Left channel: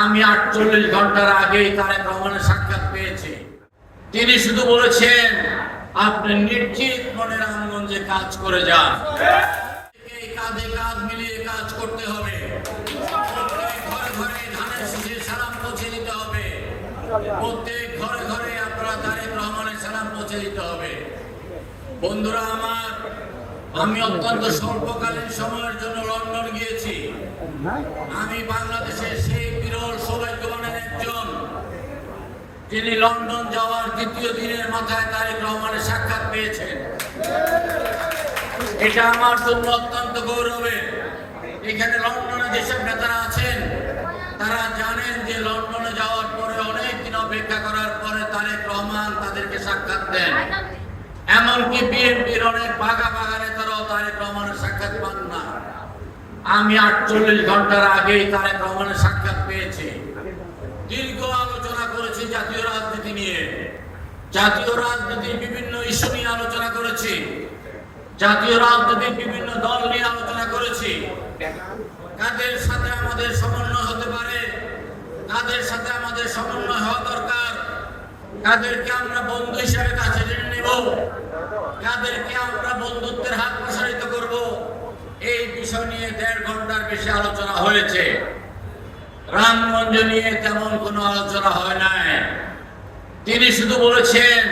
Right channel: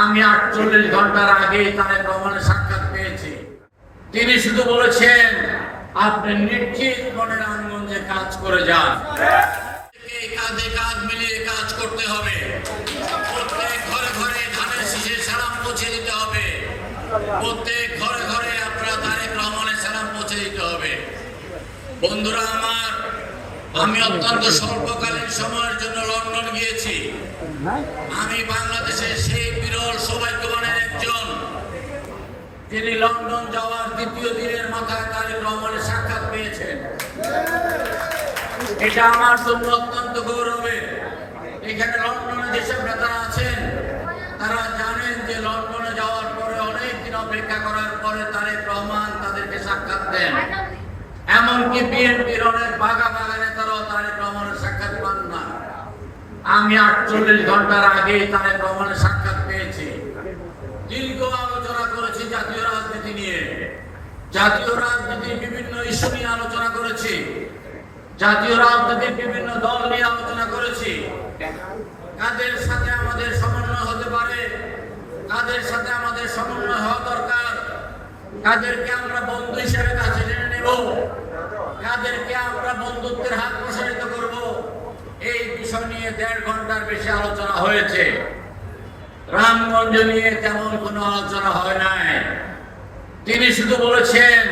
আমি আটচল্লিশ ঘণ্টার আগেই তারেক রহমানের সাক্ষাৎ পেয়েছি। তিনি শুধু বলেছেন, আপনি নিশ্চিত মনে রামগঞ্জে কাজ করে যান। মিলিয়ে কাজ করতে হবে। প্রত্যেক ঘরে ঘরে ধানের শীষের সালাম পৌঁছে দিতে হবে। প্রত্যেক ঘরে ঘরে আপনারা রহমানের সালাম পৌঁছে দিতে হবে। বন্ধুরা আমার আমি অত্যন্ত স্বল্পকালীন সময়ের জন্য লন্ডন গিয়েছি। আমি বাংলাদেশের সেই বিরল সৌভাগ্যবানের একজন তিনি লন্ডন যাওয়ার দ্বিতীয় দিনের মাথায় তারেক রহমানের সাক্ষাৎ পেয়েছেন। এটা আমার জন্য অত্যন্ত গৌরবের। এখানে লন্ডনে যেসব নেতারা আছেন তারা জানেন যে লন্ডনে যাওয়ার পরে অনেক দিন অপেক্ষা করার পরে তারেক রহমান তাদেরকে সাক্ষাৎ দেন। এমনকি বিএনপির অনেক বাঘা বাঘা নেতারাও তারেক রহমানের সাক্ষাৎ পান না। আমি আটচল্লিশ ঘণ্টার আগেই তারেক রহমানের সাক্ষাৎ পেয়েছি। দীর্ঘ আলোচনা করেছি জাতীয় রাজনীতি নিয়ে। জাতীয় রাজনীতির বিভিন্ন ইস্যু নিয়ে আলোচনা করেছি। জাতীয় রাজনীতির বিভিন্ন দল নিয়ে আলোচনা করেছি। কাদের সাথে আমাদের সমন্বয় হতে পারে? কাদের সাথে আমাদের সমন্বয় হওয়া দরকার? কাদেরকে আমরা বন্ধু হিসেবে কাছে টেনে নেব? কাদেরকে আমরা বন্ধুত্বের হাত প্রসারিত করব? এই বিষয় নিয়ে দেড় ঘণ্টার বেশি আলোচনা হয়েছে। রামগঞ্জ নিয়ে তেমন কোনো আলোচনা হয় নাই। তিনি শুধু বলেছেন,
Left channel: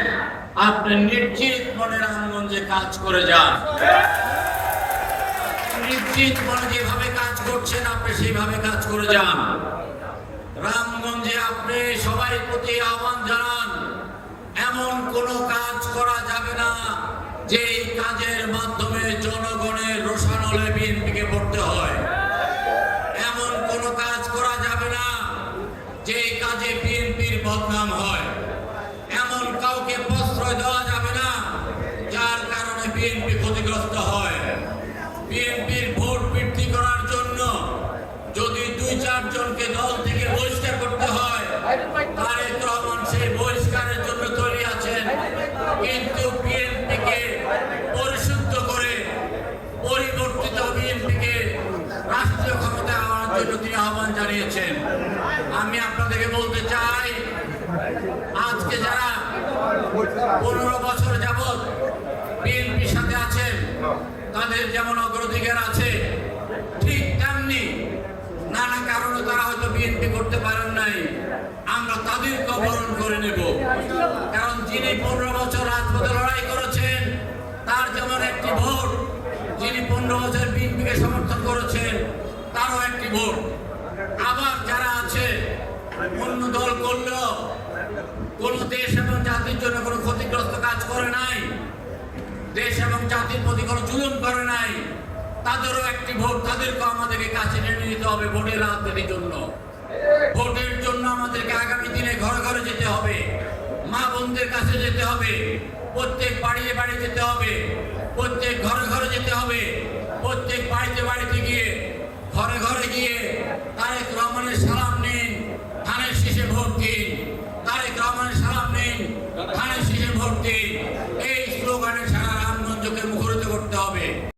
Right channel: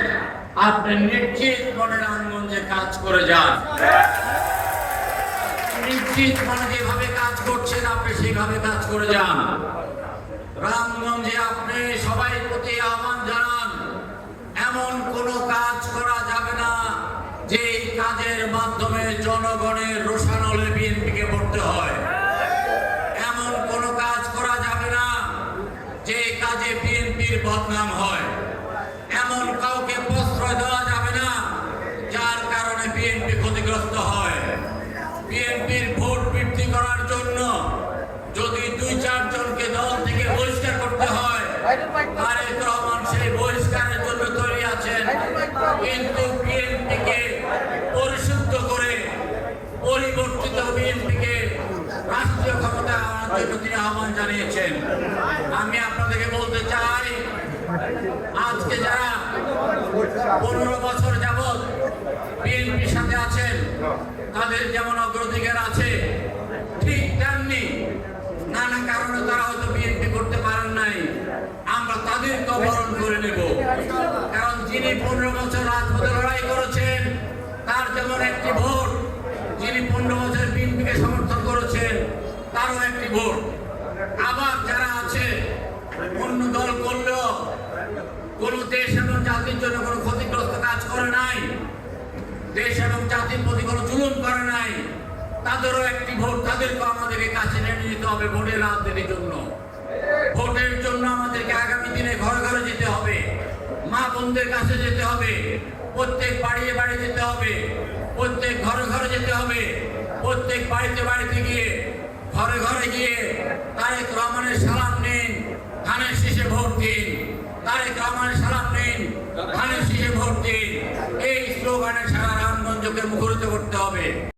আপনি নিশ্চিত মনে রামগঞ্জে কাজ করে যান। নিশ্চিত মনে যেভাবে কাজ করছেন, আপনি সেইভাবে কাজ করে যান। রামগঞ্জে আপনি সবাই প্রতি আহ্বান জানান, এমন কোনো কাজ করা যাবে না যে এই কাজের মাধ্যমে জনগণের রোষানলে বিএনপিকে পড়তে হয়। এমন কোনো কাজ করা যাবে না যে কাজে বিএনপির বদনাম হয়। এমন কাউকে প্রশ্রয় দেওয়া যাবে না যার কারণে বিএনপি ক্ষতিগ্রস্ত হয়। বিএনপির ভোট বৃদ্ধি করার জন্য আমি আপনাদেরকে বলতে চাই আজকে যারা পনেরো বছর যাবৎ বিএনপির সাথে আছেন তাদের যেমন অগ্রাধিকার আছে, ঠিক তেমনি নানা কারণে তারা হয়তো বিএনপি করতে পারেন নাই। তাদেরকে বরণ করে নেব। কারণ যিনি পনেরো বছর রাজপথে লড়াই করেছেন, তার যেমন একটি ভোট, যিনি পনেরো বছর বিএনপিকে সমর্থন করেছেন, তারও একটি ভোট। আবার যারা আছে, অন্য দল করলেও কোন দেশ এবং জাতির জন্য কোনো ক্ষতিগ্রস্ত কাজ করে নাই, দেশ এবং জাতির প্রতি কোনো জুলুম করে নাই, তাদেরও একটি ভোট তাদেরকে আমাদেরকে কাছে নিয়ে নিতে হবে ভোটের রাজনীতির জন্য। ভোটের জন্য আমাদেরকে আগামী দিনে ঘর ঘরে যেতে হবে। মা বোনদের কাছে যেতে হবে। প্রত্যেক বাড়িয়ে বাড়ি যেতে হবে। প্রত্যেক ঘরে ঘরে যেতে হবে। প্রত্যেক বাড়িতে বাড়িতে গিয়ে, ঘরে ঘরে গিয়ে তারেক রহমানের সালাম নিন, ধানের শীষে ভোট দিন। তারেক রহমানের সালাম নিন, ধানের শীষে ভোট দিন। এই স্লোগানে সারা রামগঞ্জকে মুখরিত করতে হবে।